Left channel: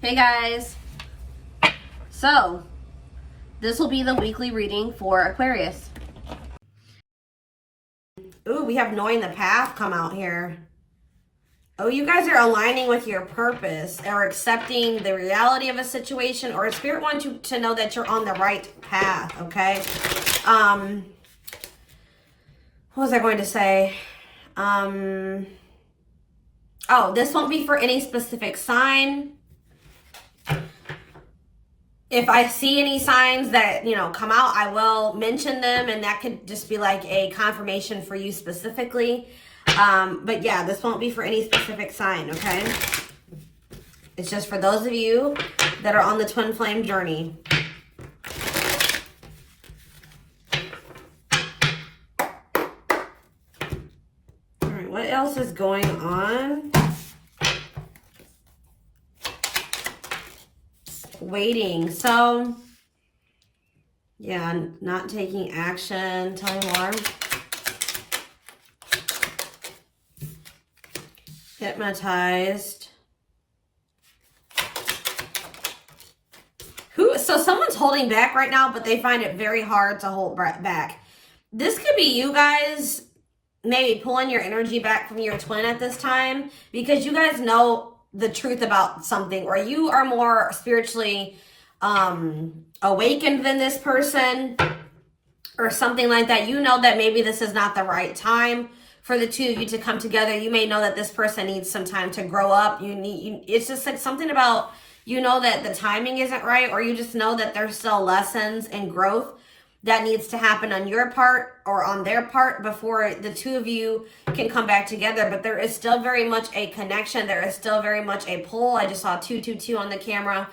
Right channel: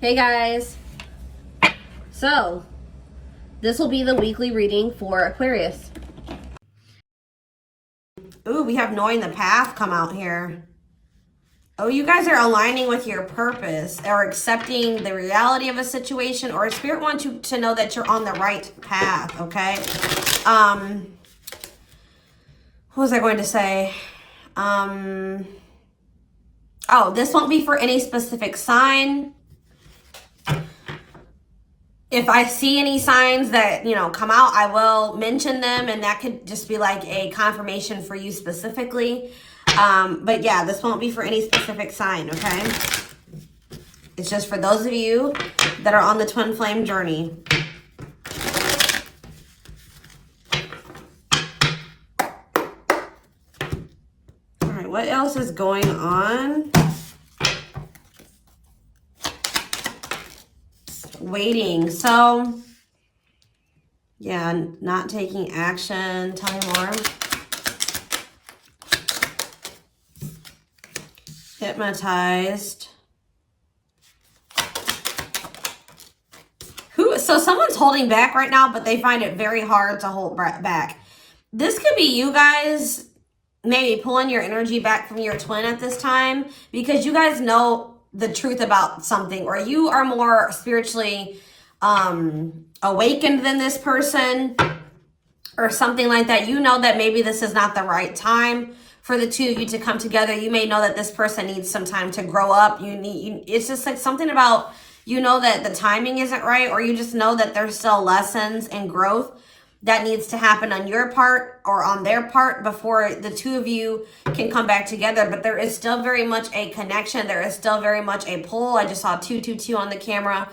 Hey guys, so this will be the weekly reading for Aquarius. Ooh, we have knowing the path come out here. Oh, you guys are aligning with your purpose or accepting the reality of a situation, or Spirit wants you to know that you're on the right path, okay? What was I going to say? Oh, this won't be for any specific sign. If I see any signs that, come out, I will mention them, and that could just be like a confirmation for you specifically. But yeah, this won't be for any specific sign, okay? It's just for those of you that are on the twin flame journey. All right, what else is going on? Waiting. So, yeah, not taking action. Tell me more. Hypnotized. So someone's holding back right now, but they find it very hard to hold back. This could be you guys maybe pulling your energy back from your twin at this time, because you guys know the truth about something, or you are more spiritually awakened than this person or something like that. You know that maybe this is not the right time for the two of you to come together. You may know that this person needs some time to grow up. It's just like something about, that the timing isn't right, or you just know that there's still lessons and growth that needs to happen on your part or on their part before the two of you can come back together. But there is still very much a connection. There is still very much a pull. I just saw 222 on the camera.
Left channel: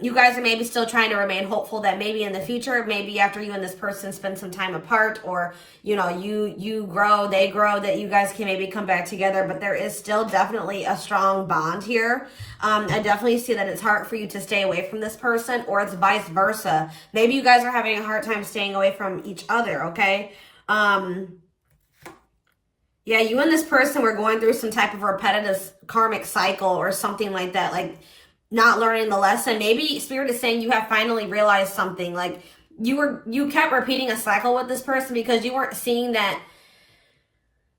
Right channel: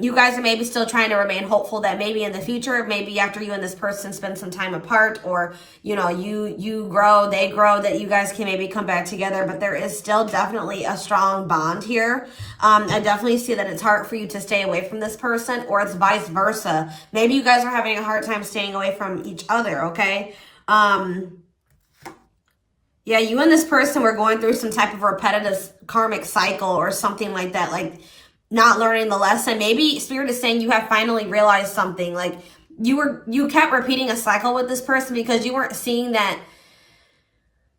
You guys are maybe still trying to remain hopeful that maybe in the future, maybe after you and this person spend some time apart, or you grow, they grow, that you guys can maybe come back together. But there is still definitely a strong bond here. I definitely see that it's hard for you to stay away from this person, or it's vice versa. Maybe you guys are having a hard time staying away from each other, okay? Yeah, you and this person were going through some type of repetitive karmic cycle or something like that, like not learning the lesson. Maybe Spirit is saying you have finally realized something. Like you kept repeating a cycle with this person because you weren't seeing that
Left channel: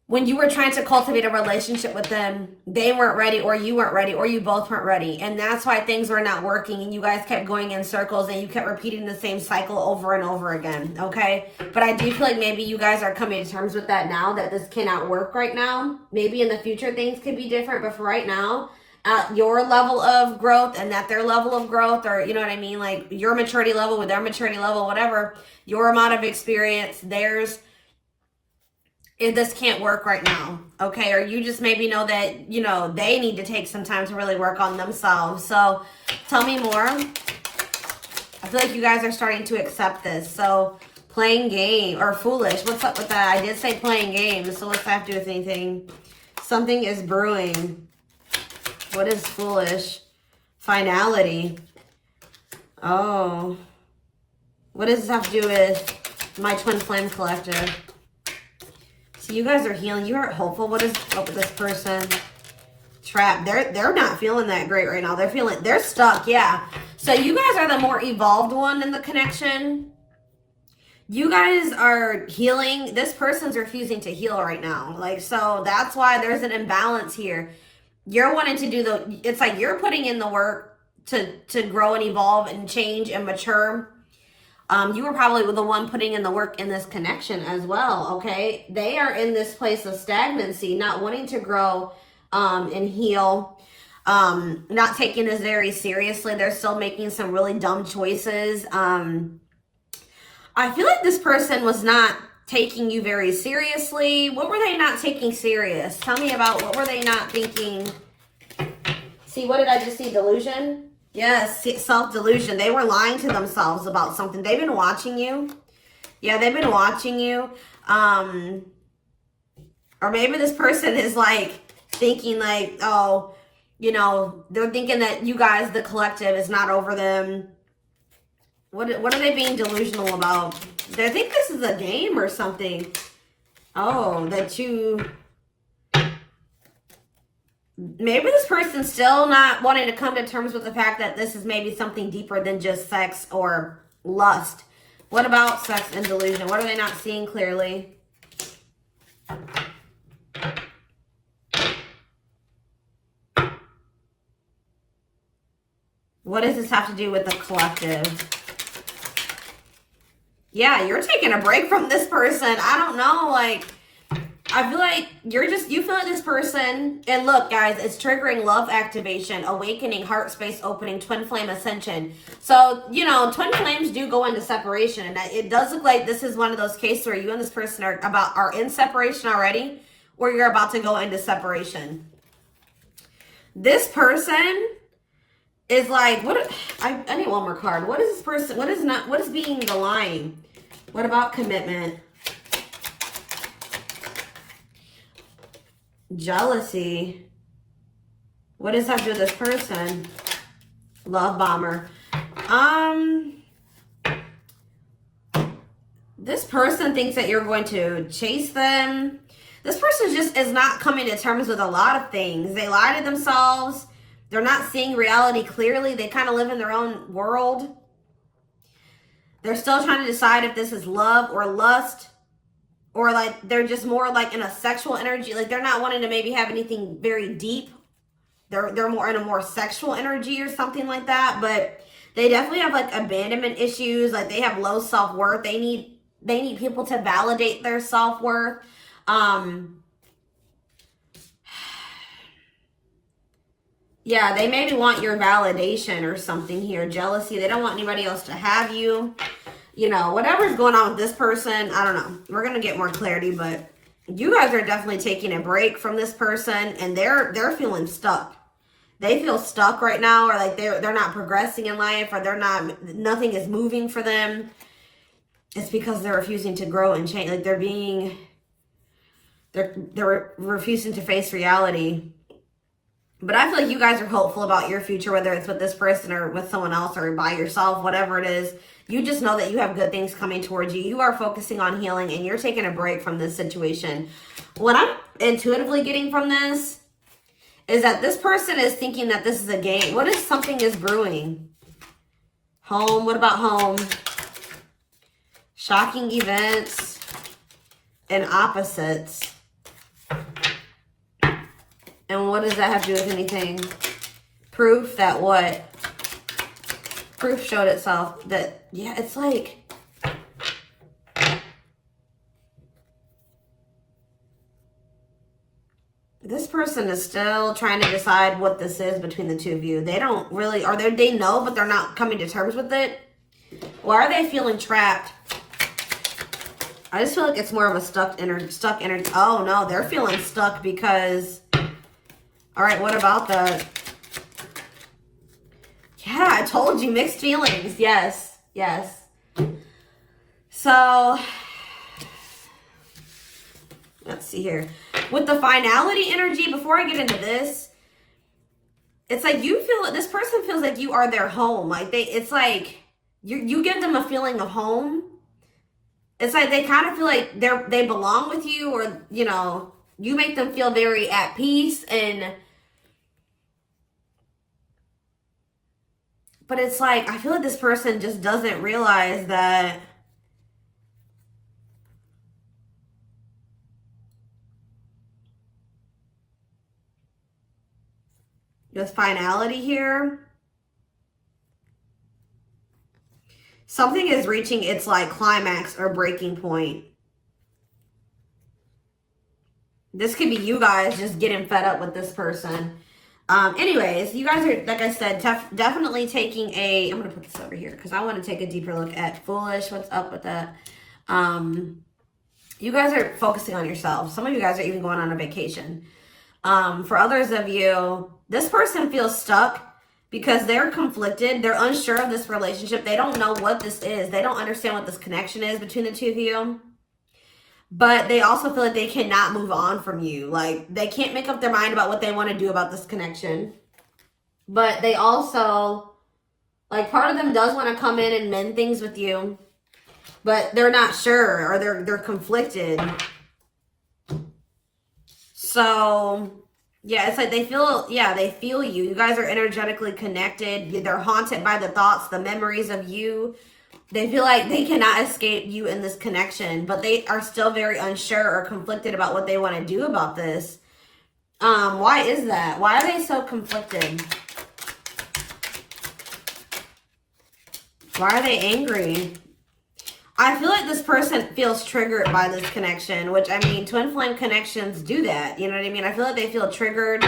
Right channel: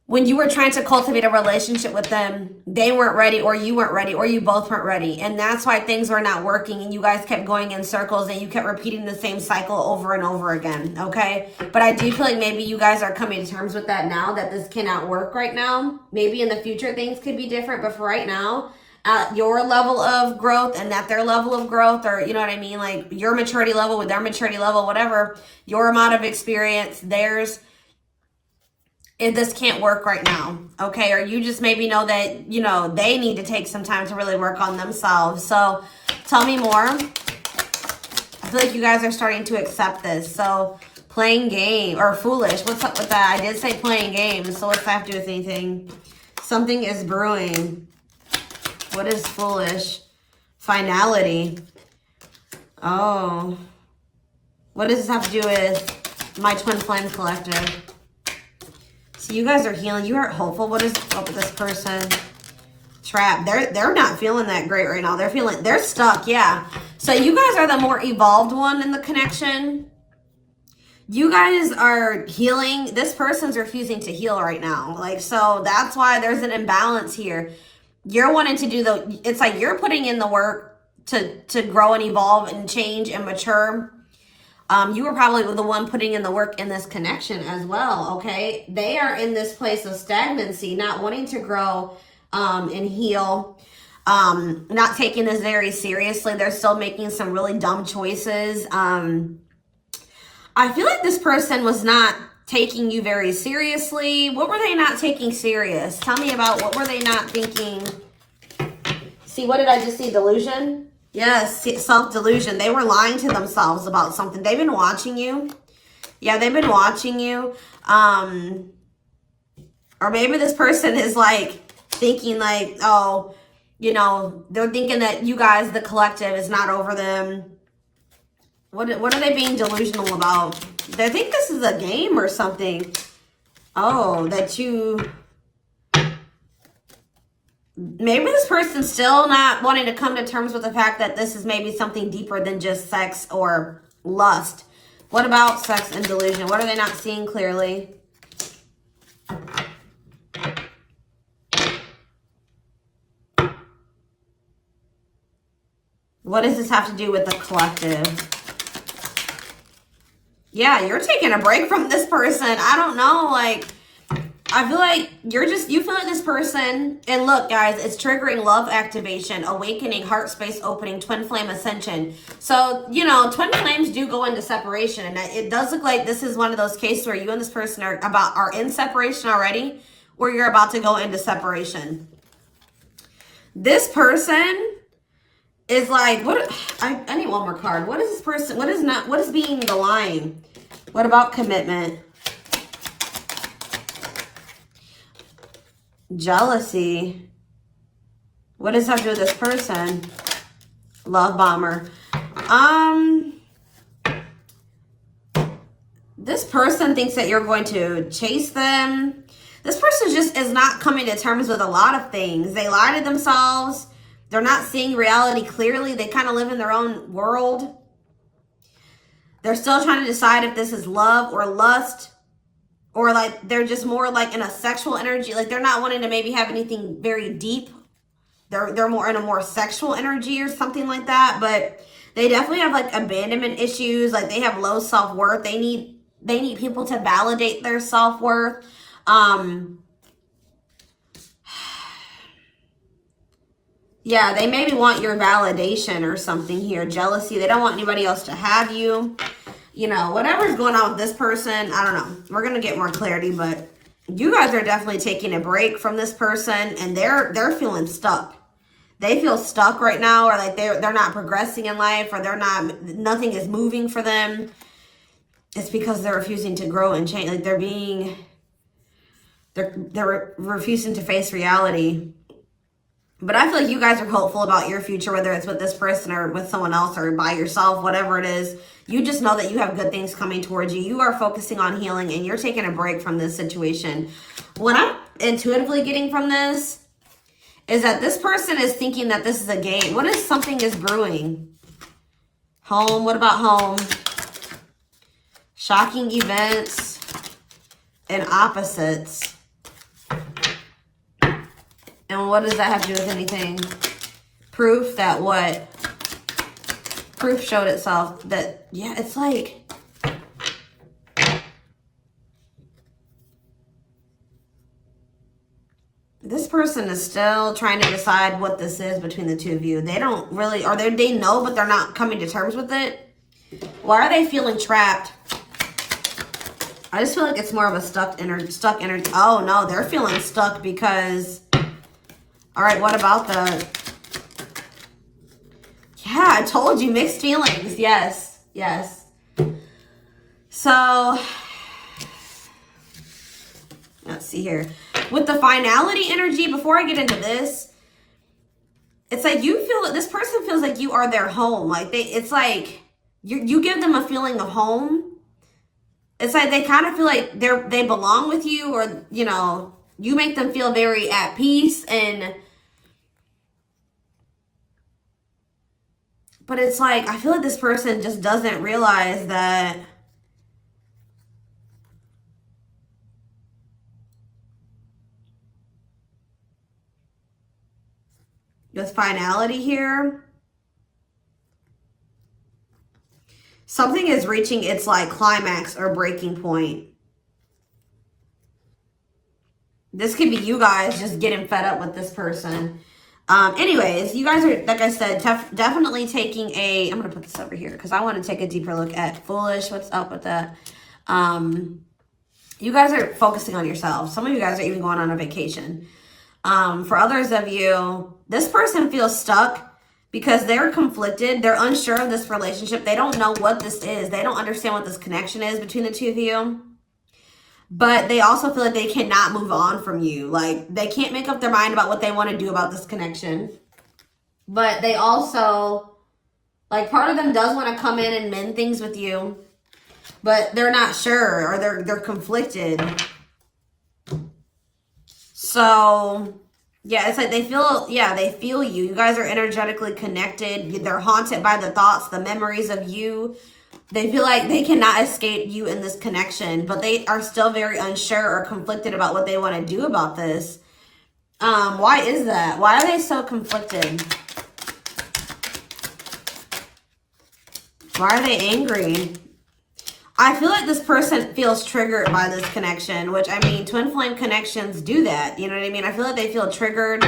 when you were trying to cultivate a relationship with them, they weren't ready, or you weren't ready, or you both weren't ready. And that's why things were not working, and you guys kept going in circles, and you kept repeating the same cycle over and over again, okay? But I do feel like maybe you guys are coming to terms with that now, that this cannot work right now. Maybe in the future things could be different, but for right now, your level of growth and that their level of growth, or you know what I mean, like your maturity level with their maturity level, whatever, your amount of experience, theirs, this can't work right now, okay? Or you just maybe know that, they need to take some time to really work on themselves. So tell me more. I feel like you guys are starting to accept this. So playing game or foolish, what's up with that? I did say playing games, so what's that have to do with anything? Something is brewing. What is foolish? Finality. Oh. What does this have to do with my twin flame collective? So you guys are healing. You are hopeful. What is up with this person? Trap. They're not feeling that great right now. They're stuck. Yeah. So you guys are the more evolved one in the connection. You guys are healing. This person's refusing to heal right now. So that's why there's an imbalance here. You're wanting to do it's like you're putting in the work to grow and evolve and change and mature. You were probably the one putting in the work in this connection as well, okay? They are in this place of stagnancy, not wanting to grow and heal, not taking this very seriously. They're still making some really dumb choices. I feel like this person was not taking you very seriously. What were they not taking serious? Tell me about what were they not thinking? See, what did I just see? Delusion? Yes, self-delusion. They were lying to themselves about something. They've been watching you. Yeah, they've been watching you. Or maybe this person is thinking oh, they're thinking that you guys, the collective, is not over them. What are they being delusional about? They think this is a game or something. Oh, that you... maybe this person's still not wanting to come to terms with the fact that this is maybe something deeper than just sex or lust. What about sex and delusion? What are they not seeing clearly? What does this have to do with the collective? Yeah, you're taking a break from this person. I don't know, like, I feel like you feel like this person, and look, guys, it's triggering love activation, awakening, heart space opening, twin flame ascension. So, you know, twin flames do go into separation, and it does look like this is one of those cases where you and this person are in separation already, or you're about to go into separation. This person is like, I need one more card. What is this person, what is being the line? What about commitment? Jealousy. What does that have to do with this person? Love bomber. This person thinks that you're going to chase them. This person just is not coming to terms with a lot of things. They lie to themselves. They're not seeing reality clearly. They kind of live in their own world. They're still trying to decide if this is love or lust. Or like they're just more like in a sexual energy. Like they're not wanting to maybe have anything very deep. They're more in a more sexual energy or something like that. But they definitely have like abandonment issues. Like they have low self-worth. They need people to validate their self-worth. Yeah, they maybe want your validation or something here. Jealousy. They don't want anybody else to have you. You know, whatever's going on with this person, I don't know. We're going to get more clarity, but you guys are definitely taking a break from this person, and they're feeling stuck. They feel stuck right now, or like they're not progressing in life, or nothing is moving for them. It's because they're refusing to grow and change. Like they're refusing to face reality. But I feel like you guys are hopeful about your future, whether it's with this person or with someone else or by yourself, whatever it is. You just know that you have good things coming towards you. You are focusing on healing, and you're taking a break from this situation. What I'm intuitively getting from this is that this person is thinking that this is a game. What if something is brewing? Home. What about home? Shocking events and opposites. And what does that have to do with anything? Proof that what? Proof showed itself that, yeah, it's like, this person is still trying to decide what this is between the two of you. They don't really, or they know, but they're not coming to terms with it. Why are they feeling trapped? I just feel like it's more of a stuck energy. Oh no, they're feeling stuck because, all right, what about the, yeah, I told you, mixed feelings. Yes, yes. So, let's see here. With the finality energy, before I get into this, it's like you feel, this person feels like you are their home. Like it's like you give them a feeling of home. It's like they kind of feel like they belong with you, or, you know, you make them feel very at peace. But it's like, I feel like this person just doesn't realize that with finality here, something is reaching its like climax or breaking point. This could be you guys just getting fed up with this person. Anyways, you guys are, like I said, definitely taking a, I'm going to put this over here because I want to take a deeper look at foolish. What's up with that? You guys are focusing on yourselves. Some of you guys are even going on a vacation. For others of you, this person feels stuck because they're conflicted. They're unsure of this relationship. They don't know what this is. They don't understand what this connection is between the two of you. But they also feel like they cannot move on from you. Like, they can't make up their mind about what they want to do about this connection. But they also, like, part of them does want to come in and mend things with you. But they're not sure, or they're conflicted. So, Yeah, it's like they feel, yeah, they feel you. You guys are energetically connected. They're haunted by the thoughts, the memories of you. They feel like they cannot escape you in this connection, but they are still very unsure or conflicted about what they want to do about this. Why is that? Why are they so conflicted? Why are they angry? I feel like this person feels triggered by this connection, which, I mean, twin flame connections do that. You know what I mean? I feel like they feel triggered.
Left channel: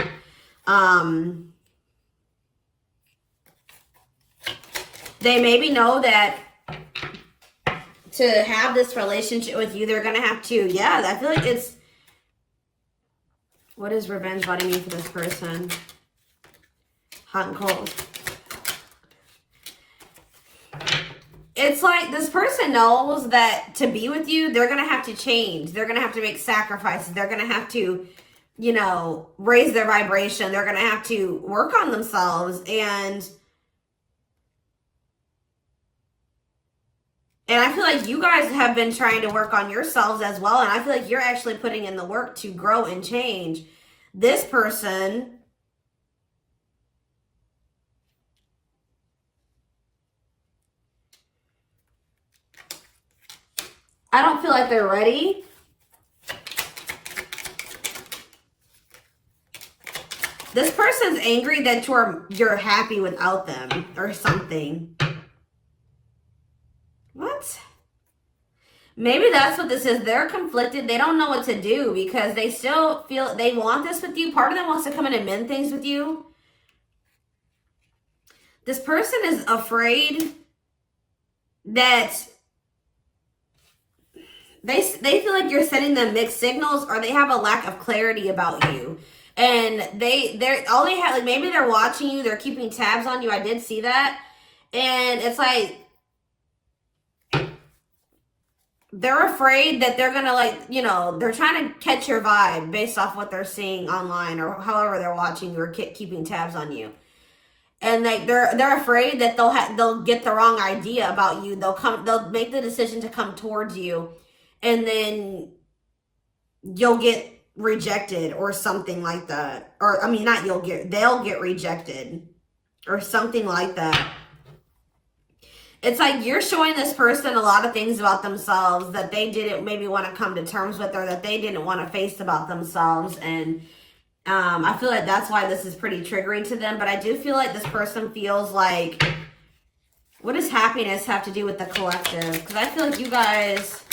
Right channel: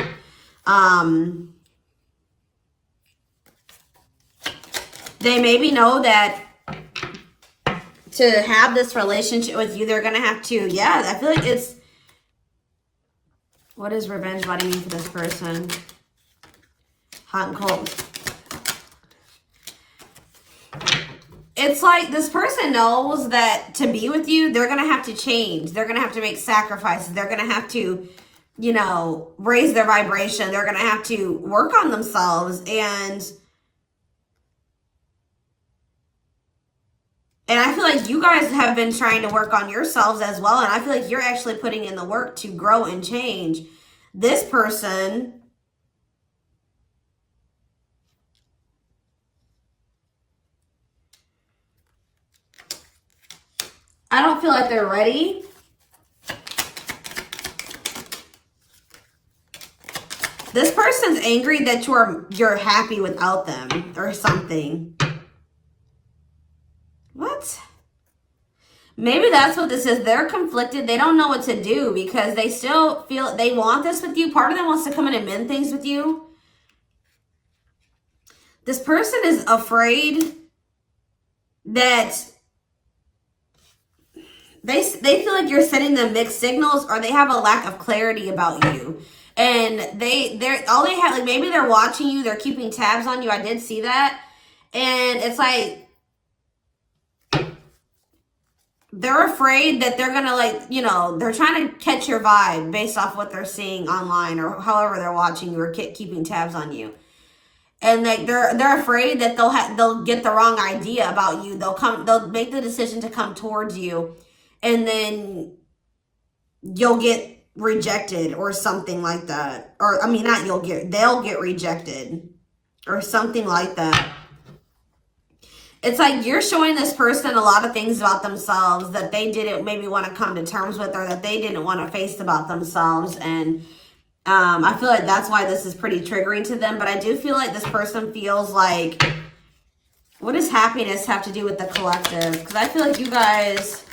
They maybe know that to have this relationship with you, they're going to have to, yeah, I feel like it's, what is revenge body mean for this person? Hot and cold. It's like this person knows that to be with you, they're going to have to change. They're going to have to make sacrifices. They're going to have to, you know, raise their vibration. They're going to have to work on themselves. And I feel like you guys have been trying to work on yourselves as well. And I feel like you're actually putting in the work to grow and change. This person, I don't feel like they're ready. This person's angry that you're happy without them or something. What? Maybe that's what this is. They're conflicted. They don't know what to do because they still feel they want this with you. Part of them wants to come in and mend things with you. This person is afraid that they feel like you're sending them mixed signals, or they have a lack of clarity about you. And they're all they have, like, maybe they're watching you, they're keeping tabs on you. I did see that. And it's like they're afraid that they're gonna, like, you know, they're trying to catch your vibe based off what they're seeing online or however they're watching you or keeping tabs on you. And like they're afraid that they'll get the wrong idea about you. They'll make the decision to come towards you, and then you'll get rejected or something like that. Or I mean, they'll get rejected or something like that. It's like you're showing this person a lot of things about themselves that they didn't maybe want to come to terms with, or that they didn't want to face about themselves. And I feel like that's why this is pretty triggering to them. But I do feel like this person feels like, what does happiness have to do with the collective? Because I feel like you guys,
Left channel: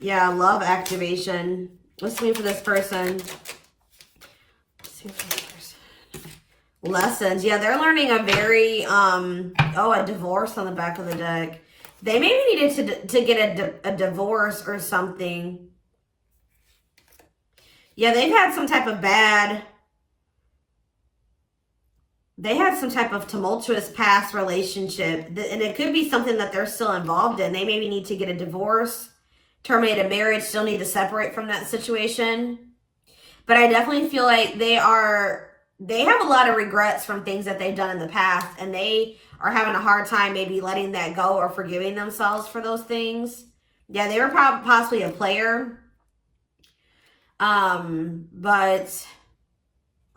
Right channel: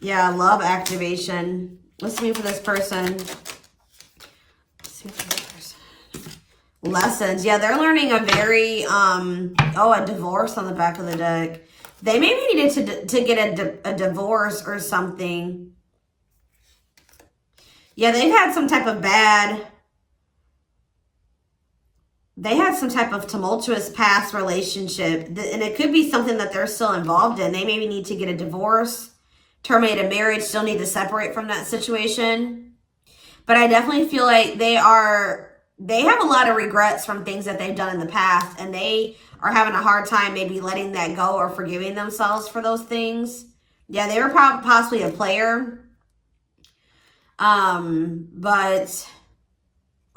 yeah, love activation. Let's see for this person. Let's see for this person. Lessons. Yeah, they're learning a very, a divorce on the back of the deck. They maybe needed to get a divorce or something. Yeah, they had some type of tumultuous past relationship. And it could be something that they're still involved in. They maybe need to get a divorce, terminate a marriage, still need to separate from that situation. But I definitely feel like they have a lot of regrets from things that they've done in the past. And they are having a hard time maybe letting that go or forgiving themselves for those things. Yeah, they were possibly a player. Or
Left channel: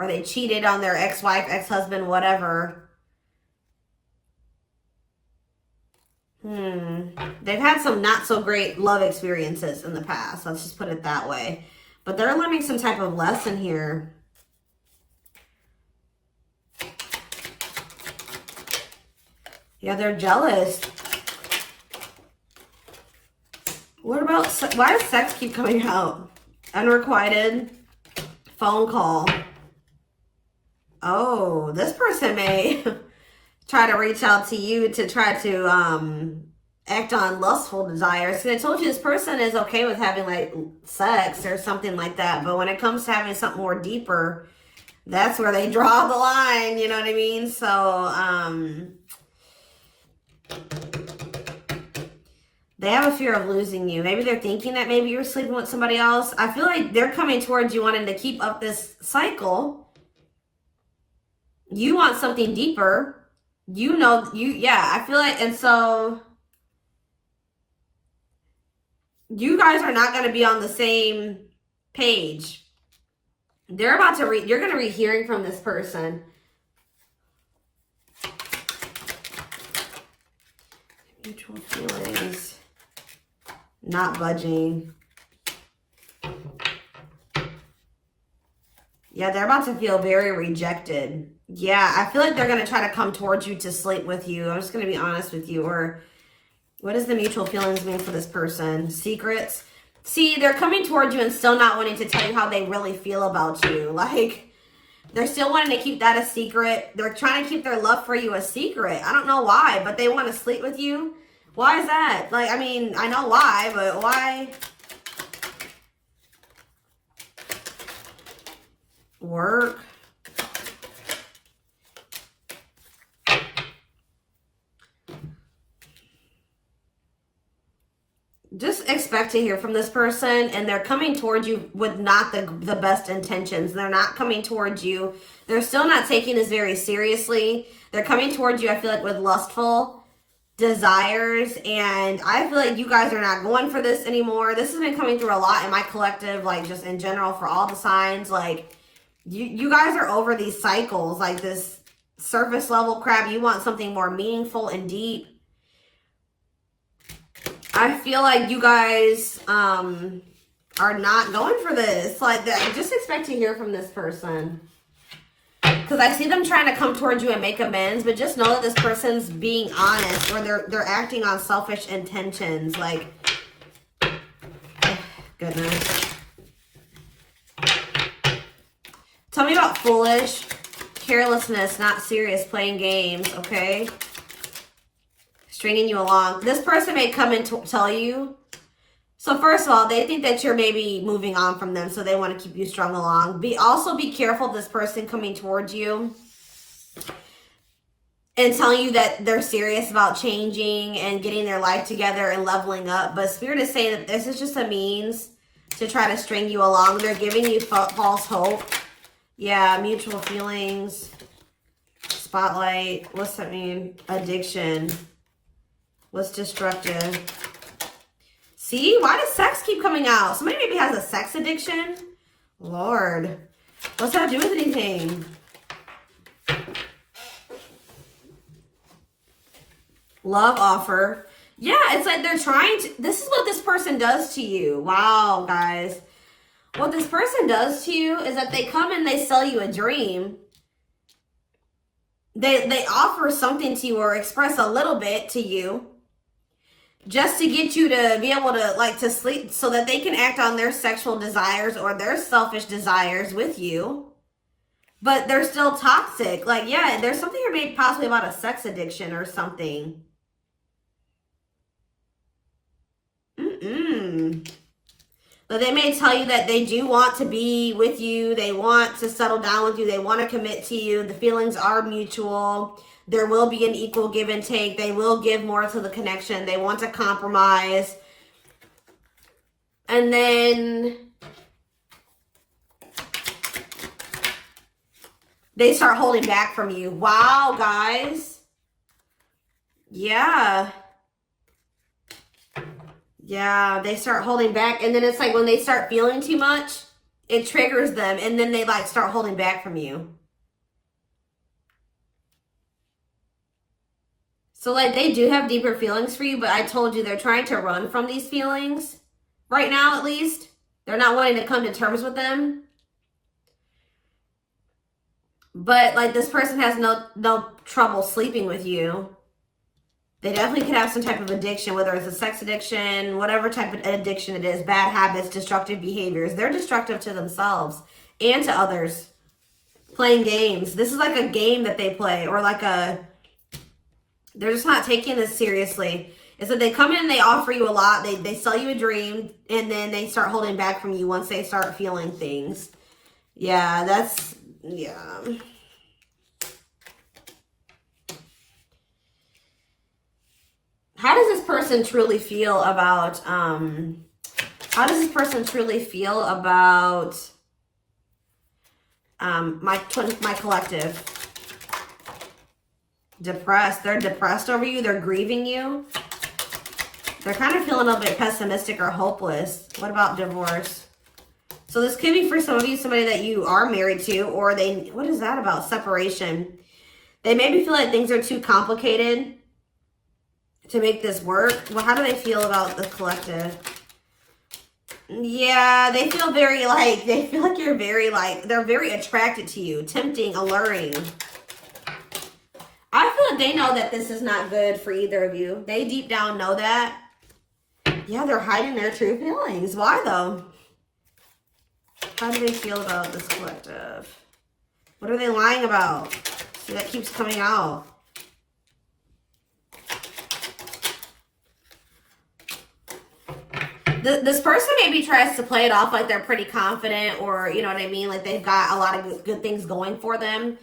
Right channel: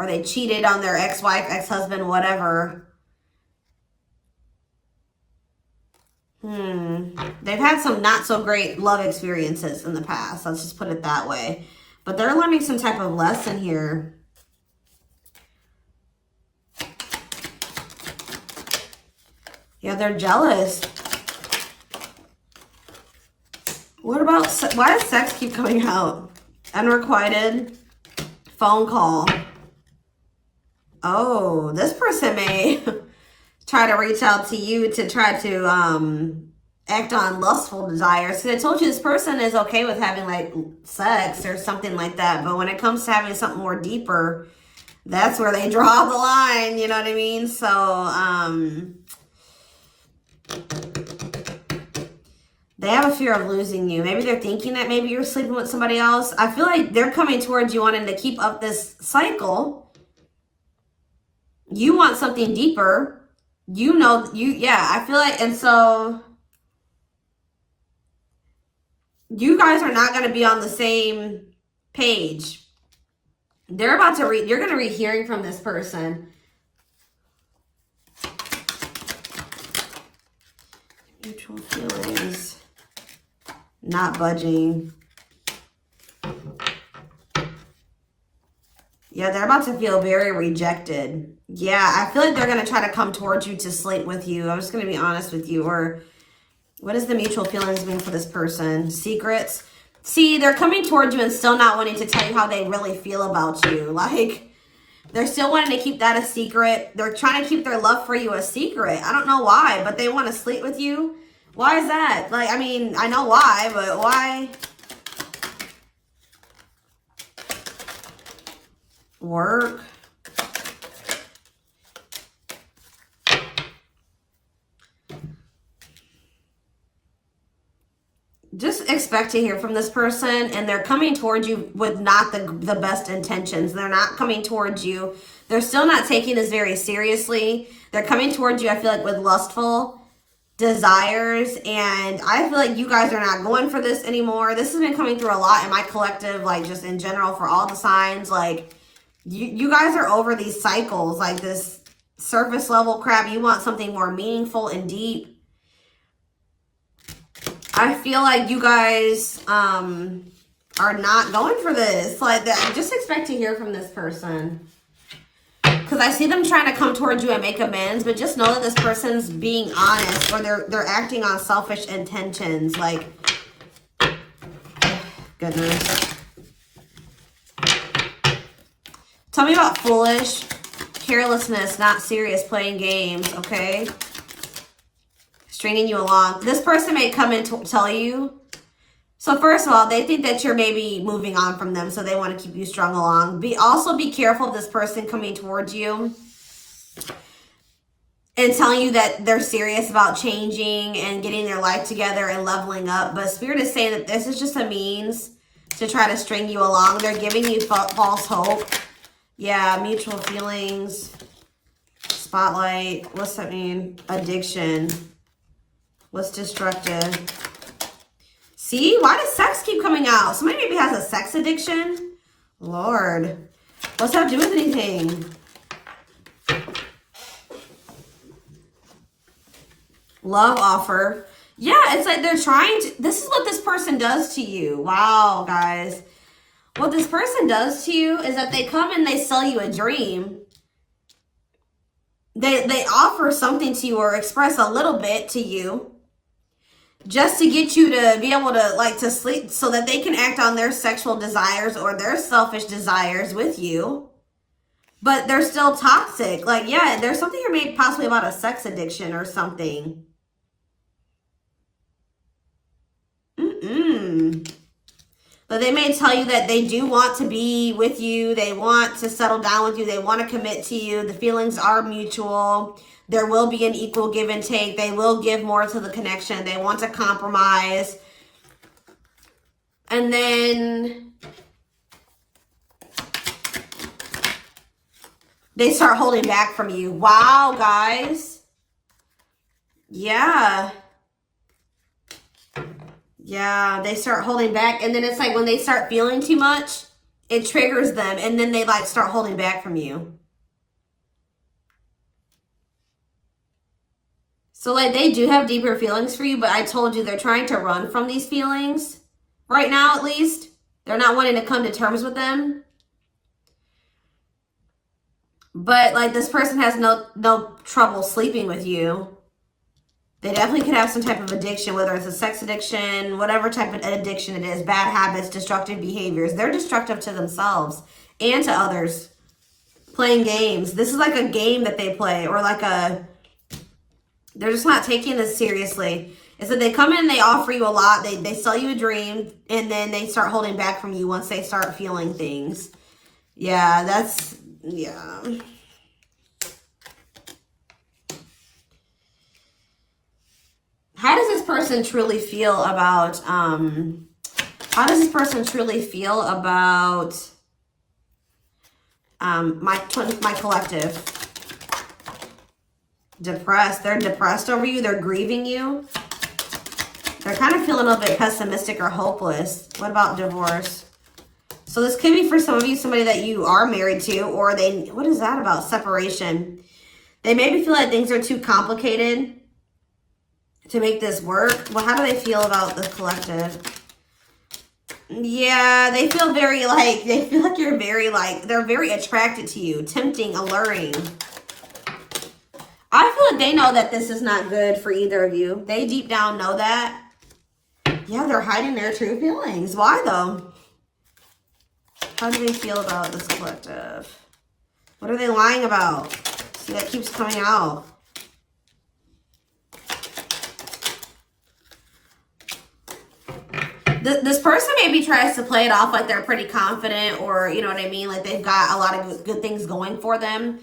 they cheated on their ex-wife, ex-husband, whatever. They've had some not so great love experiences in the past. Let's just put it that way. But they're learning some type of lesson here. Yeah, they're jealous. What about, why does sex keep coming out? Unrequited phone call. Oh, this person may try to reach out to you to try to act on lustful desires. So I told you this person is okay with having like sex or something like that. But when it comes to having something more deeper, that's where they draw the line. You know what I mean? So they have a fear of losing you. Maybe they're thinking that maybe you're sleeping with somebody else. I feel like they're coming towards you wanting to keep up this cycle. You want something deeper. I feel like, and so you guys are not going to be on the same page. They're about to read, you're going to be hearing from this person. Mutual feelings. Not budging. Yeah, they're about to feel very rejected. Yeah, I feel like they're going to try to come towards you to sleep with you. I'm just going to be honest with you. Or what is the mutual feelings mean for this person? Secrets. See, they're coming towards you and still not wanting to tell you how they really feel about you. Like, they're still wanting to keep that a secret. They're trying to keep their love for you a secret. I don't know why, but they want to sleep with you. Why is that? Like, I mean, I know why, but why? Work. Just expect to hear from this person, and they're coming towards you with not the best intentions. They're not coming towards you. They're still not taking this very seriously. They're coming towards you, I feel like, with lustful desires, and I feel like you guys are not going for this anymore. This has been coming through a lot in my collective, like just in general for all the signs. Like, you guys are over these cycles, like this surface level crap. You want something more meaningful and deep. I feel like you guys are not going for this. Like, just expect to hear from this person. Because I see them trying to come towards you and make amends, but just know that this person's being honest, or they're acting on selfish intentions. Like, goodness. Tell me about foolish, carelessness, not serious, playing games, okay? Stringing you along. This person may come and tell you. So first of all, they think that you're maybe moving on from them, so they want to keep you strung along. Also be careful of this person coming towards you and telling you that they're serious about changing and getting their life together and leveling up. But Spirit is saying that this is just a means to try to string you along. They're giving you false hope. Yeah, mutual feelings. Spotlight. What's that mean? Addiction. What's destructive? See? Why does sex keep coming out? Somebody maybe has a sex addiction? Lord. What's that do with anything? Love offer. Yeah, it's like they're trying to... This is what this person does to you. Wow, guys. What this person does to you is that they come and they sell you a dream. They offer something to you or express a little bit to you, just to get you to be able to, like, to sleep so that they can act on their sexual desires or their selfish desires with you. But they're still toxic. Like, yeah, there's something here maybe possibly about a sex addiction or something. But they may tell you that they do want to be with you. They want to settle down with you. They want to commit to you. The feelings are mutual. There will be an equal give and take. They will give more to the connection. They want to compromise. And then they start holding back from you. Wow, guys. Yeah. Yeah, they start holding back. And then it's like when they start feeling too much, it triggers them. And then they like start holding back from you. So like they do have deeper feelings for you, but I told you they're trying to run from these feelings. Right now, at least. They're not wanting to come to terms with them. But like this person has no trouble sleeping with you. They definitely could have some type of addiction, whether it's a sex addiction, whatever type of addiction it is, bad habits, destructive behaviors. They're destructive to themselves and to others. Playing games. This is like a game that they play, or like they're just not taking this seriously. It's that they come in, they offer you a lot, they sell you a dream, and then they start holding back from you once they start feeling things. Yeah, yeah. How does this person truly feel about, my collective? Depressed. They're depressed over you. They're grieving you. They're kind of feeling a little bit pessimistic or hopeless. What about divorce? So this could be for some of you, somebody that you are married to, or they, what is that about? Separation. They maybe feel like things are too complicated to make this work. Well, how do they feel about the collective? Yeah, they feel very like, they feel like you're very like, they're very attracted to you, tempting, alluring. I feel like they know that this is not good for either of you. They deep down know that. Yeah, they're hiding their true feelings. Why though? How do they feel about this collective? What are they lying about? See, that keeps coming out. This person maybe tries to play it off like they're pretty confident, or you know what I mean, like they've got a lot of good things going for them,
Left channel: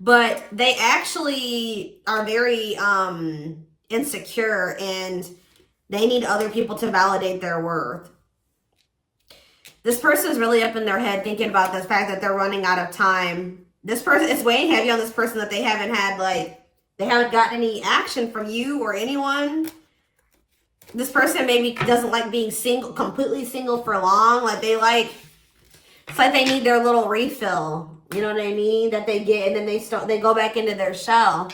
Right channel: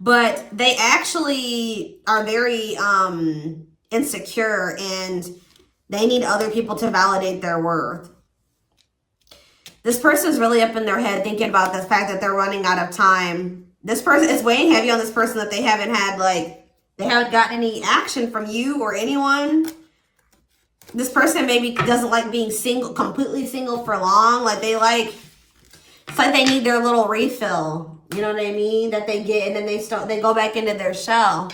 but they actually are very insecure, and they need other people to validate their worth. This person's really up in their head thinking about the fact that they're running out of time. This person is weighing heavy on this person that they haven't had, like, they haven't gotten any action from you or anyone. This person maybe doesn't like being single, completely single for long. Like they like, it's like they need their little refill. You know what I mean? That they get, and then they go back into their shell.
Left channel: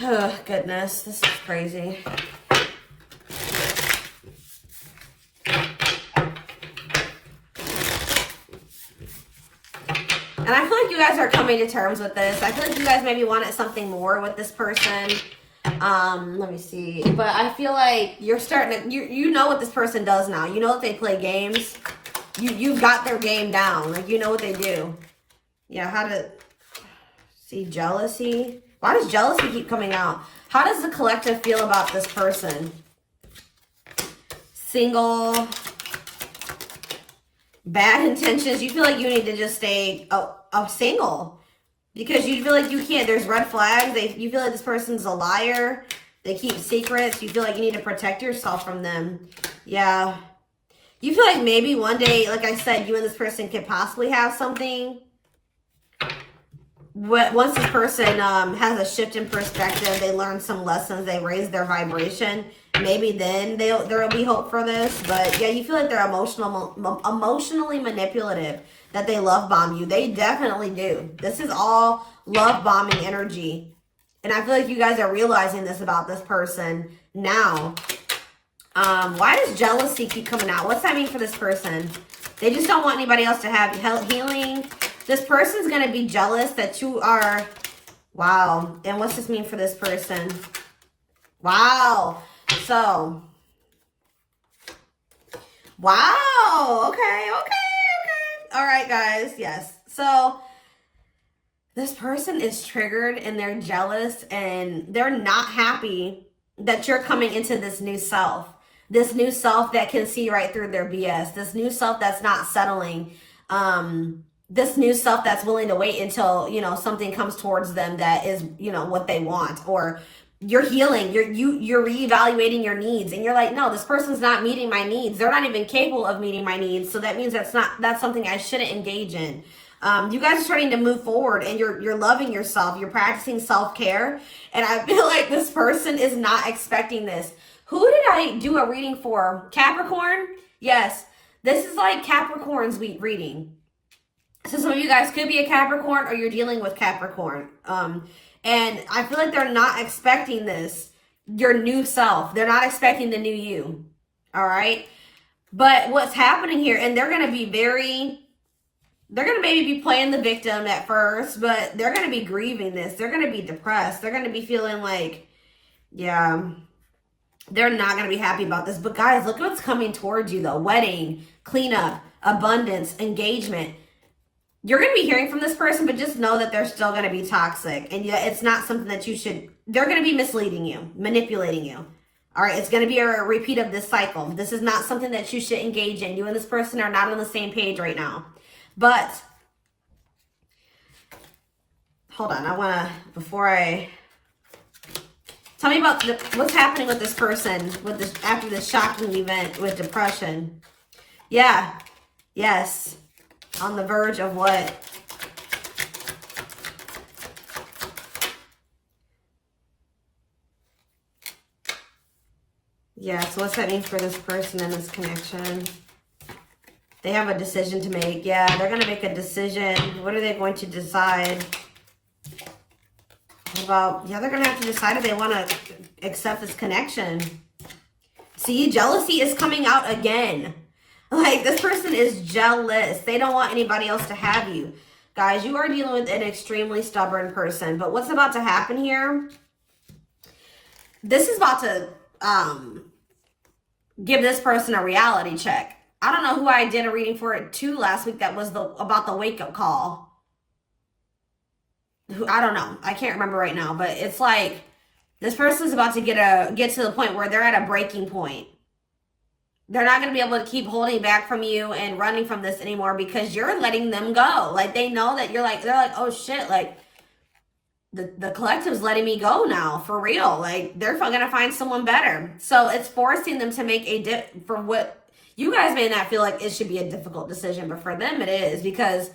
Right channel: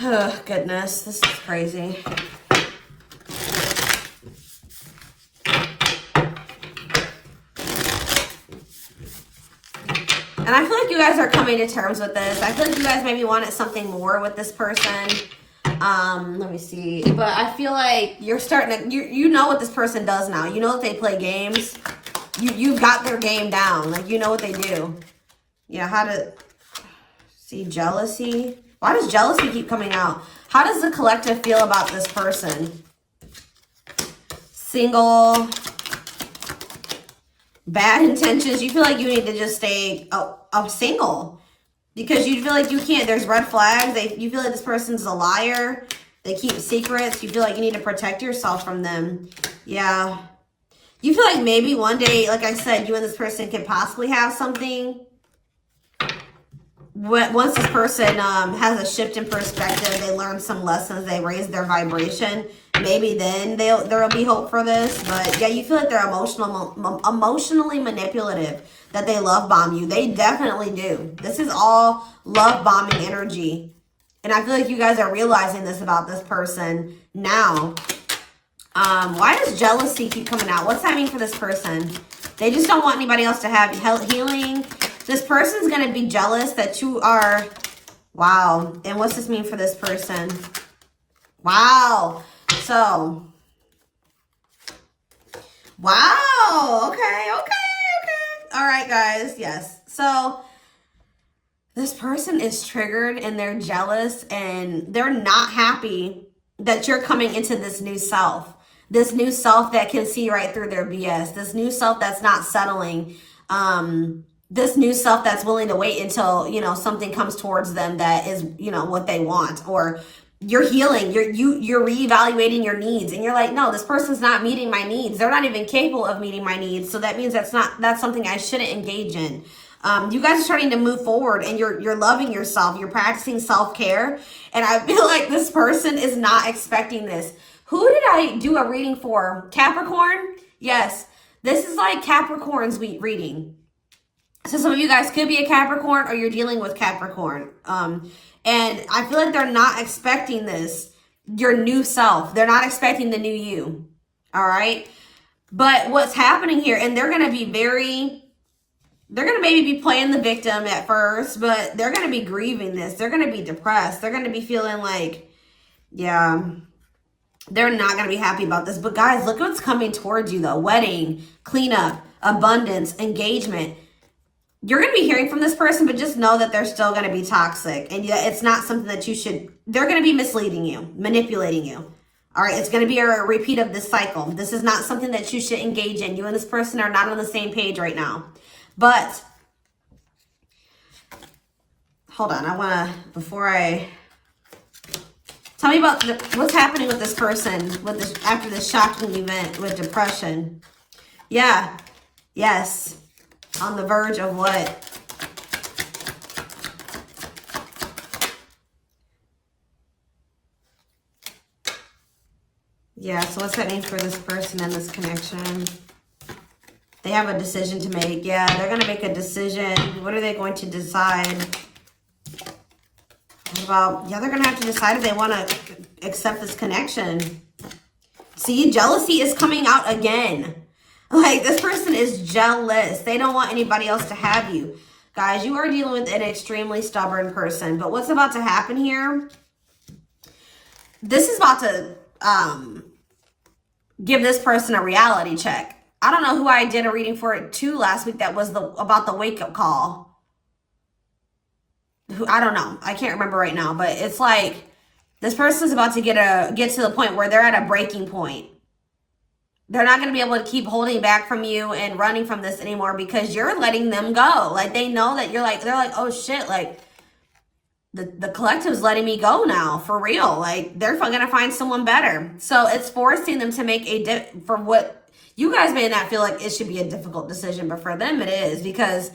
Oh, goodness, this is crazy. And I feel like you guys are coming to terms with this. I feel like you guys maybe wanted something more with this person. Let me see. But I feel like you're starting to, you know what this person does now. You know that they play games. You've got their game down. Like, you know what they do. Yeah, how to see jealousy. Why does jealousy keep coming out? How does the collective feel about this person? Single. Bad intentions. You feel like you need to just stay single. Because you feel like you can't, there's red flags. You feel like this person's a liar. They keep secrets. You feel like you need to protect yourself from them. Yeah. You feel like maybe one day, like I said, you and this person could possibly have something. But once this person has a shift in perspective, they learn some lessons, they raise their vibration, maybe then there'll be hope for this. But yeah, you feel like they're emotionally manipulative, that they love bomb you. They definitely do. This is all love bombing energy. And I feel like you guys are realizing this about this person now. Why does jealousy keep coming out? What's that mean for this person? They just don't want anybody else to have healing. This person's going to be jealous that you are, wow. And what's this mean for this person? Wow. So, wow. Okay. All right, guys. Yes. So, this person is triggered and they're jealous and they're not happy that you're coming into this new self. This new self that can see right through their BS. This new self that's not settling. This new self that's willing to wait until, you know, something comes towards them that is, you know, what they want. Or you're healing, you're reevaluating your needs, and you're like, no, this person's not meeting my needs. They're not even capable of meeting my needs. So that means that's something I shouldn't engage in. You guys are starting to move forward, and you're loving yourself. You're practicing self-care. And I feel like this person is not expecting this. Who did I do a reading for? Capricorn? Yes. This is like Capricorn's week reading. So some of you guys could be a Capricorn, or you're dealing with Capricorn. And I feel like they're not expecting this, your new self. They're not expecting the new you. All right. But what's happening here, and they're going to be they're going to maybe be playing the victim at first, but they're going to be grieving this. They're going to be depressed. They're going to be feeling like, yeah, they're not going to be happy about this. But guys, look what's coming towards you though. Wedding, cleanup, abundance, engagement. You're going to be hearing from this person, but just know that they're still going to be toxic. And yeah, it's not something that you should, they're going to be misleading you, manipulating you. All right, it's going to be a repeat of this cycle. This is not something that you should engage in. You and this person are not on the same page right now. But, hold on, I want to, tell me about what's happening with this person after this shocking event with depression. Yeah, yes. On the verge of what? Yeah, so what's that mean for this person and this connection? They have a decision to make. Yeah, they're going to make a decision. What are they going to decide? What about, yeah, they're going to have to decide if they want to accept this connection. See, jealousy is coming out again. Like, this person is jealous. They don't want anybody else to have you. Guys, you are dealing with an extremely stubborn person. But what's about to happen here? This is about to give this person a reality check. I don't know who I did a reading for it too last week that was about the wake-up call. I don't know. I can't remember right now. But it's like this person's about to get to the point where they're at a breaking point. They're not going to be able to keep holding back from you and running from this anymore because you're letting them go. Like, they know that they're like, oh shit, like, the collective's letting me go now, for real. Like, they're going to find someone better. So it's forcing them to make for what you guys may not feel like it should be a difficult decision, but for them it is, because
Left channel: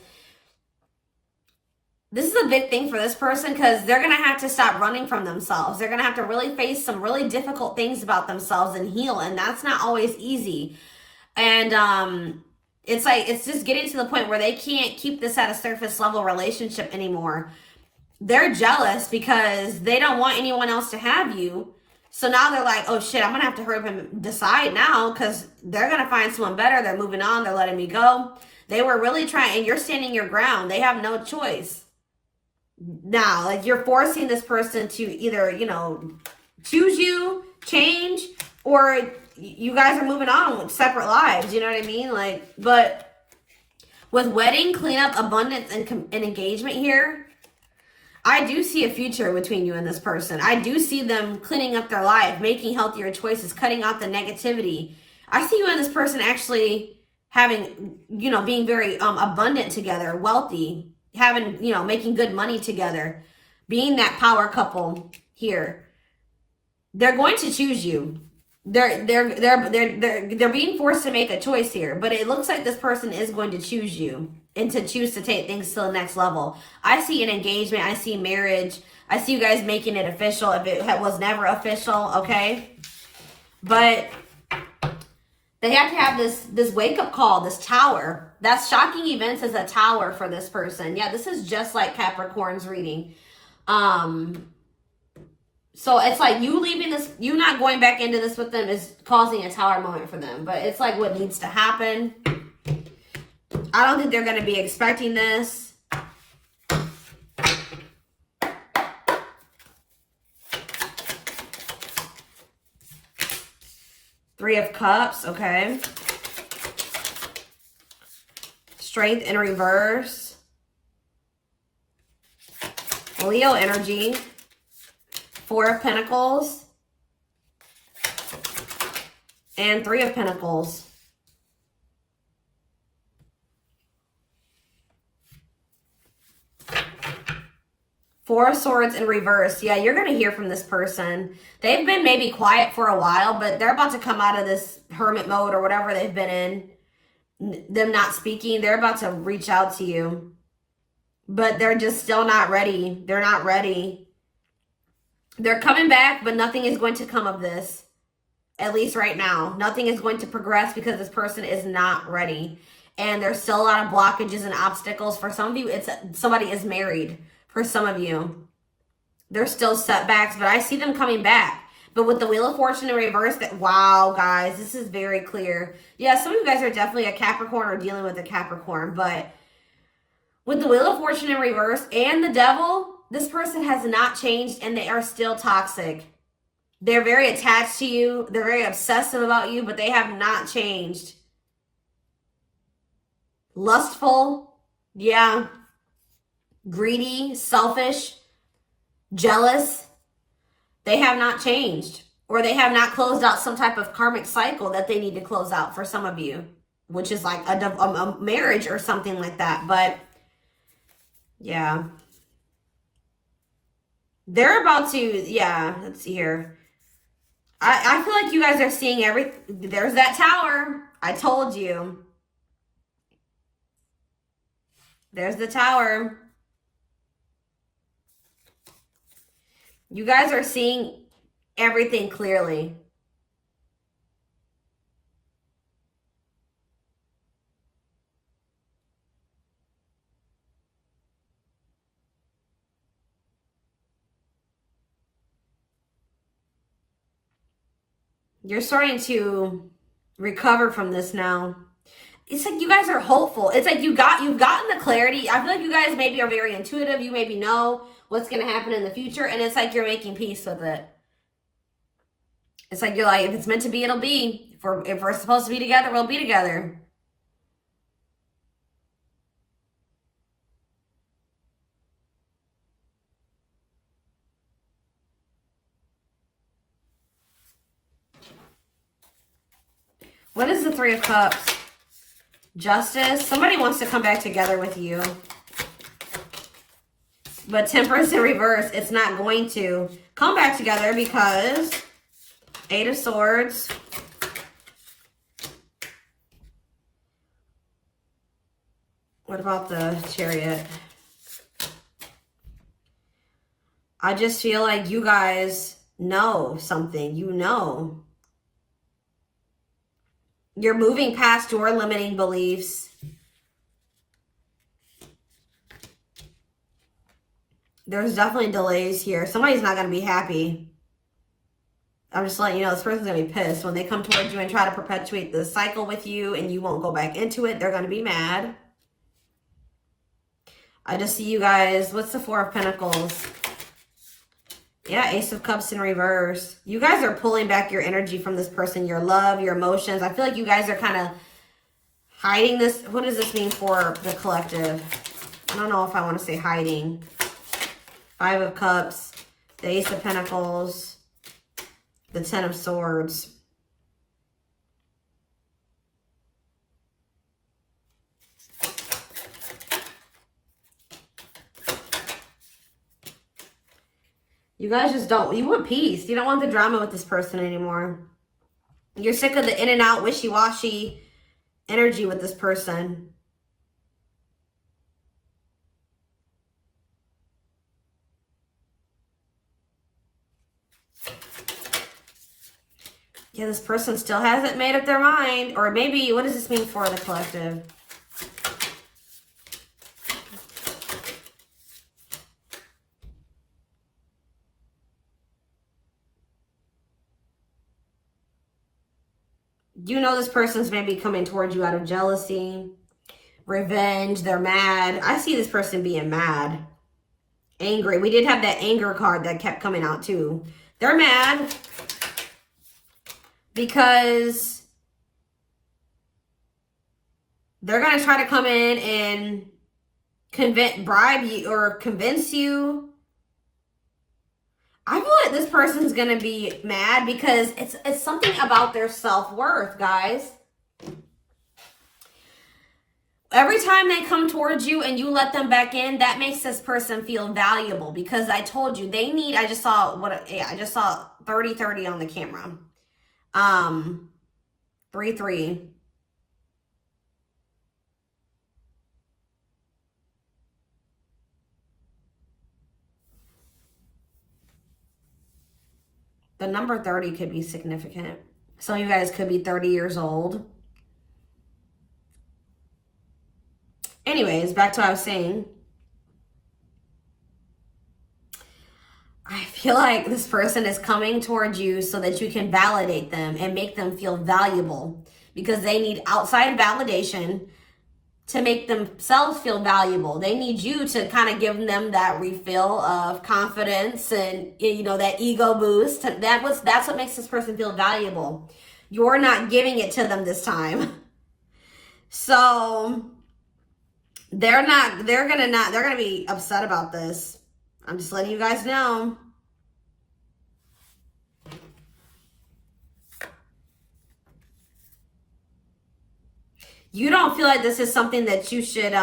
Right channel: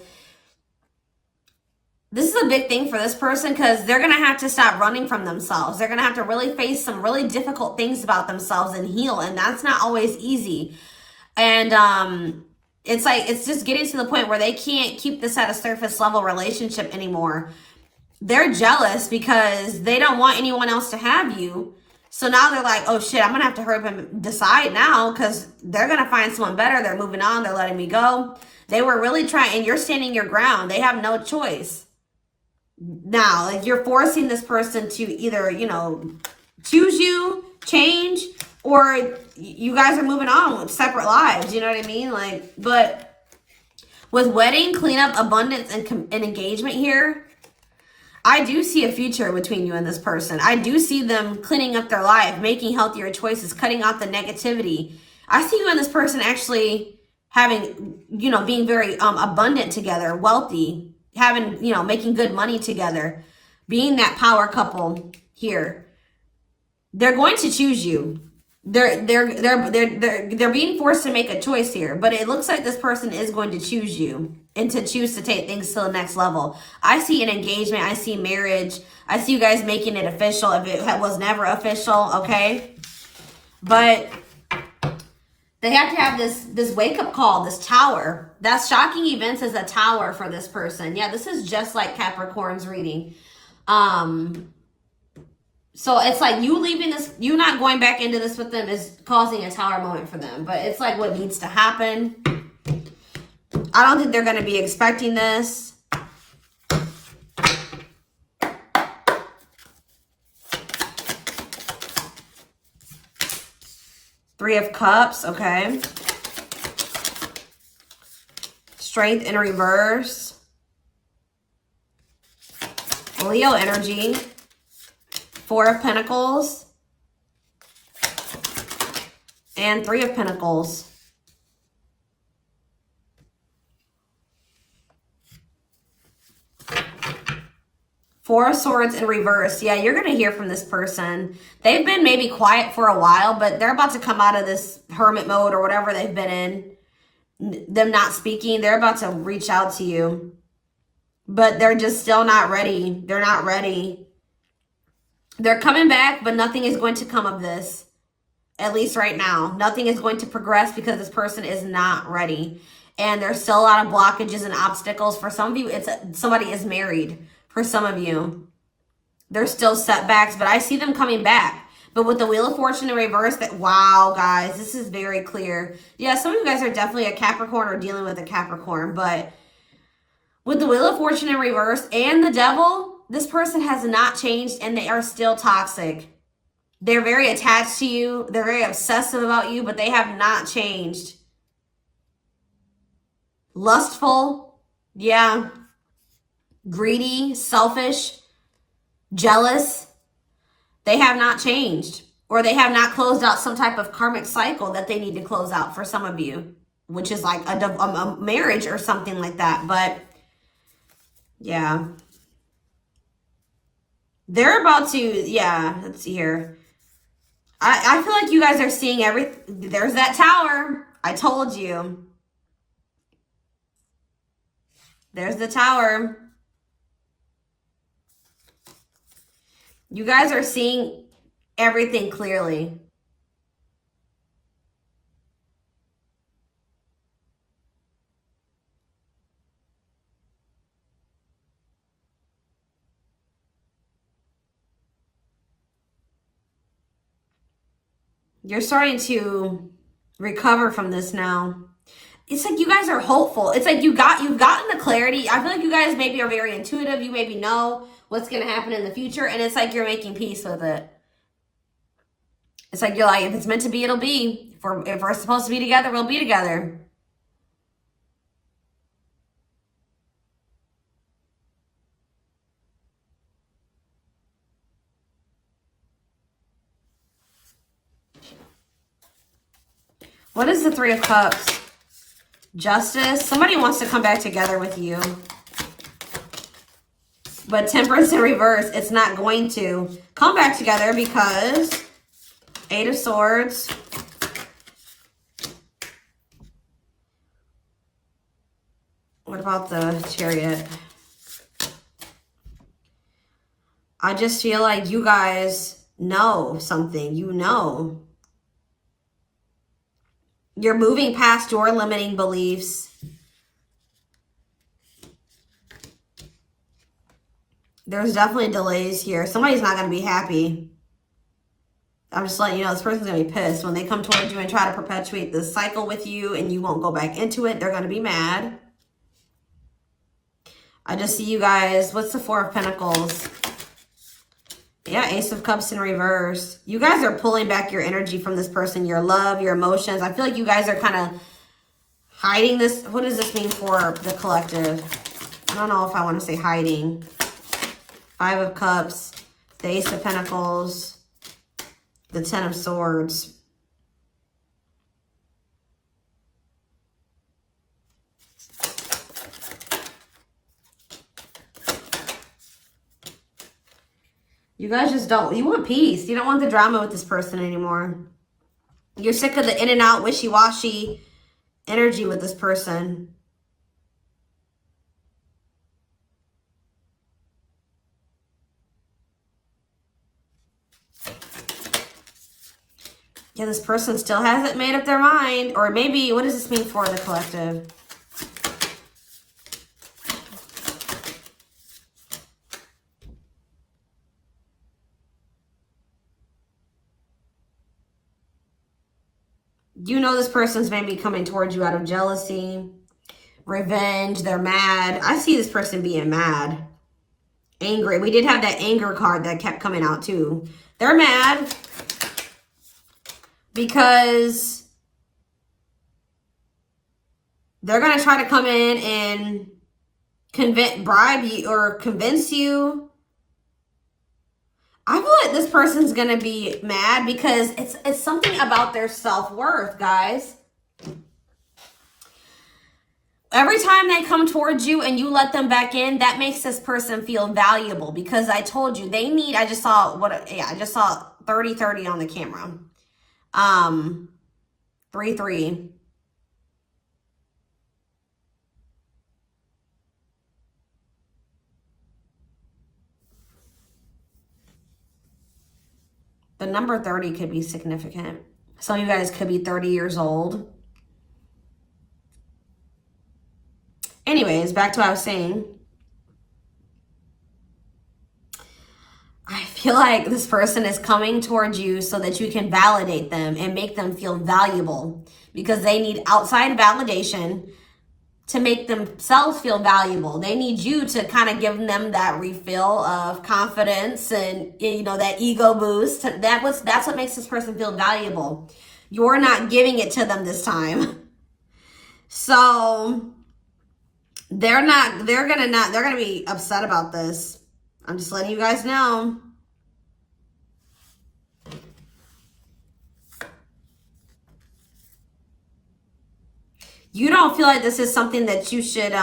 this is a big thing for this person, because they're going to have to stop running from themselves. They're going to have to really face some really difficult things about themselves and heal. And that's not always easy. And it's like, it's just getting to the point where they can't keep this at a surface level relationship anymore. They're jealous because they don't want anyone else to have you. So now they're like, oh shit, I'm going to have to hurry up and decide now, because they're going to find someone better. They're moving on. They're letting me go. They were really trying, and you're standing your ground. They have no choice. Now, like, you're forcing this person to either, you know, choose you, change, or you guys are moving on with separate lives. You know what I mean? Like, but with wedding, cleanup, abundance, and engagement here, I do see a future between you and this person. I do see them cleaning up their life, making healthier choices, cutting out the negativity. I see you and this person actually having, you know, being very abundant together, wealthy, having, you know, making good money together, being that power couple here. They're going to choose you. They're being forced to make a choice here, but it looks like this person is going to choose you and to choose to take things to the next level. I see an engagement. I see marriage. I see you guys making it official if it was never official, okay? But they have to have this wake-up call, this tower. That's shocking events as a tower for this person. Yeah, this is just like Capricorn's reading. So it's like you leaving this, you not going back into this with them is causing a tower moment for them. But it's like what needs to happen. I don't think they're going to be expecting this. Three of Cups, okay. Strength in reverse. Leo energy. Four of Pentacles. And Three of Pentacles. Four of Swords in reverse. Yeah, you're going to hear from this person. They've been maybe quiet for a while, but they're about to come out of this hermit mode or whatever they've been in. Them not speaking. They're about to reach out to you. But they're just still not ready. They're not ready. They're coming back, but nothing is going to come of this. At least right now. Nothing is going to progress because this person is not ready. And there's still a lot of blockages and obstacles. For some of you, somebody is married. For some of you, there's still setbacks, but I see them coming back. But with the Wheel of Fortune in reverse, wow, guys, this is very clear. Yeah, some of you guys are definitely a Capricorn or dealing with a Capricorn, but with the Wheel of Fortune in reverse and the Devil, this person has not changed and they are still toxic. They're very attached to you. They're very obsessive about you, but they have not changed. Lustful, yeah. Greedy, selfish, jealous. They have not changed, or they have not closed out some type of karmic cycle that they need to close out for some of you, which is like a marriage or something like that. But yeah, they're about to, yeah, let's see here. I feel like you guys are seeing everything. There's that tower. I told you. There's the tower. You guys are seeing everything clearly. You're starting to recover from this now. It's like you guys are hopeful. It's like you've gotten the clarity. I feel like you guys maybe are very intuitive. You maybe know what's going to happen in the future. And it's like you're making peace with it. It's like you're like, if it's meant to be, it'll be. If we're supposed to be together, we'll be together. What is the Three of Cups? Justice. Somebody wants to come back together with you. But Temperance in reverse, it's not going to come back together because Eight of Swords. What about the Chariot? I just feel like you guys know something. You know. You're moving past your limiting beliefs. There's definitely delays here. Somebody's not going to be happy. I'm just letting you know this person's going to be pissed. When they come towards you and try to perpetuate this cycle with you and you won't go back into it, they're going to be mad. I just see you guys. What's the Four of Pentacles? Yeah, Ace of Cups in reverse. You guys are pulling back your energy from this person, your love, your emotions. I feel like you guys are kind of hiding this. What does this mean for the collective? I don't know if I want to say hiding. Five of Cups, the Ace of Pentacles, the Ten of Swords. You guys just don't, you want peace. You don't want the drama with this person anymore. You're sick of the in and out, wishy-washy energy with this person. Yeah, this person still hasn't made up their mind. Or maybe, what does this mean for the collective? You know this person's maybe coming towards you out of jealousy, revenge. They're mad. I see this person being mad, angry. We did have that anger card that kept coming out too. They're mad because they're going to try to come in and bribe you or convince you. I feel like this person's going to be mad because it's something about their self-worth, guys. Every time they come towards you and you let them back in, that makes this person feel valuable because I told you they need, I just saw 30-30 on the camera. 3-3. The number 30 could be significant. Some of you guys could be 30 years old. Anyways, back to what I was saying. I feel like this person is coming towards you so that you can validate them and make them feel valuable because they need outside validation to make themselves feel valuable. They need you to kind of give them that refill of confidence and, you know, that ego boost. That's what makes this person feel valuable. You're not giving it to them this time. So they're gonna be upset about this. I'm just letting you guys know. You don't feel like this is something that you should,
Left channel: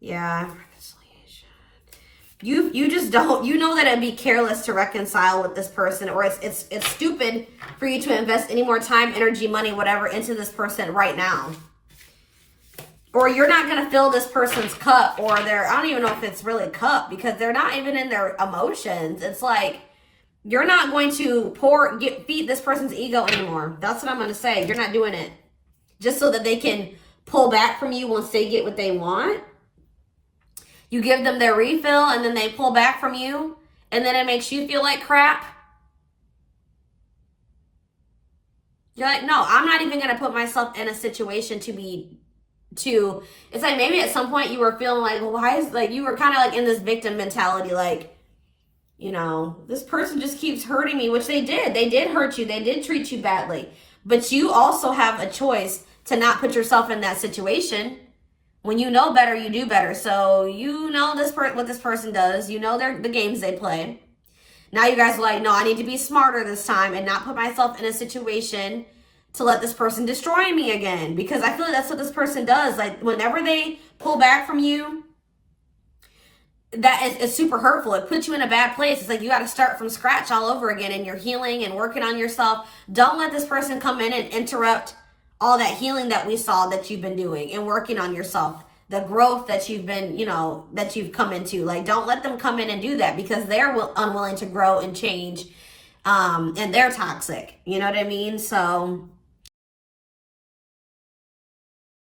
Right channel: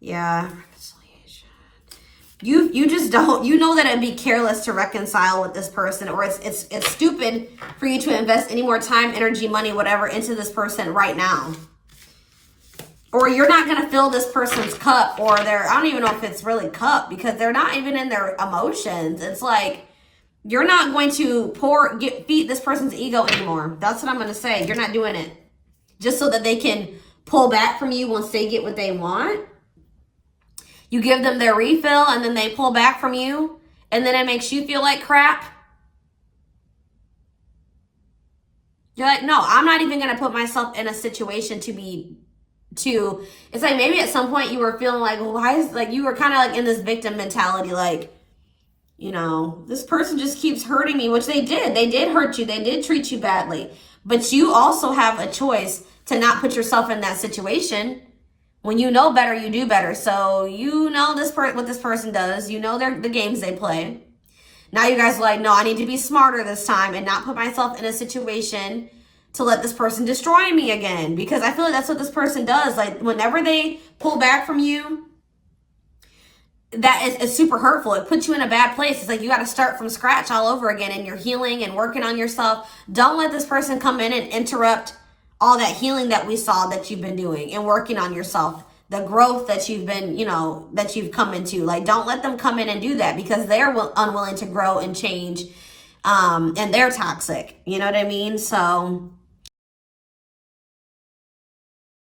yeah. You just don't, you know that it'd be careless to reconcile with this person, or it's stupid for you to invest any more time, energy, money, whatever into this person right now. Or you're not going to fill this person's cup, or I don't even know if it's really cup because they're not even in their emotions. It's like, you're not going to feed this person's ego anymore. That's what I'm going to say. You're not doing it. Just so that they can pull back from you once they get what they want. You give them their refill and then they pull back from you. And then it makes you feel like crap. You're like, no, I'm not even gonna put myself in a situation to it's like maybe at some point you were feeling like, well, why is, like, you were kind of like in this victim mentality, like, you know, this person just keeps hurting me, which they did hurt you, they did treat you badly, but you also have a choice to not put yourself in that situation. When you know better, you do better. So you know what this person does, you know the games they play. Now you guys are like, no, I need to be smarter this time and not put myself in a situation to let this person destroy me again. Because I feel like that's what this person does. Like, whenever they pull back from you, that is super hurtful. It puts you in a bad place. It's like you got to start from scratch all over again, and you're healing and working on yourself. Don't let this person come in and interrupt all that healing that we saw that you've been doing and working on yourself. The growth that you've been, you know, that you've come into. Like, don't let them come in and do that, because they're unwilling to grow and change, and they're toxic. You know what I mean? So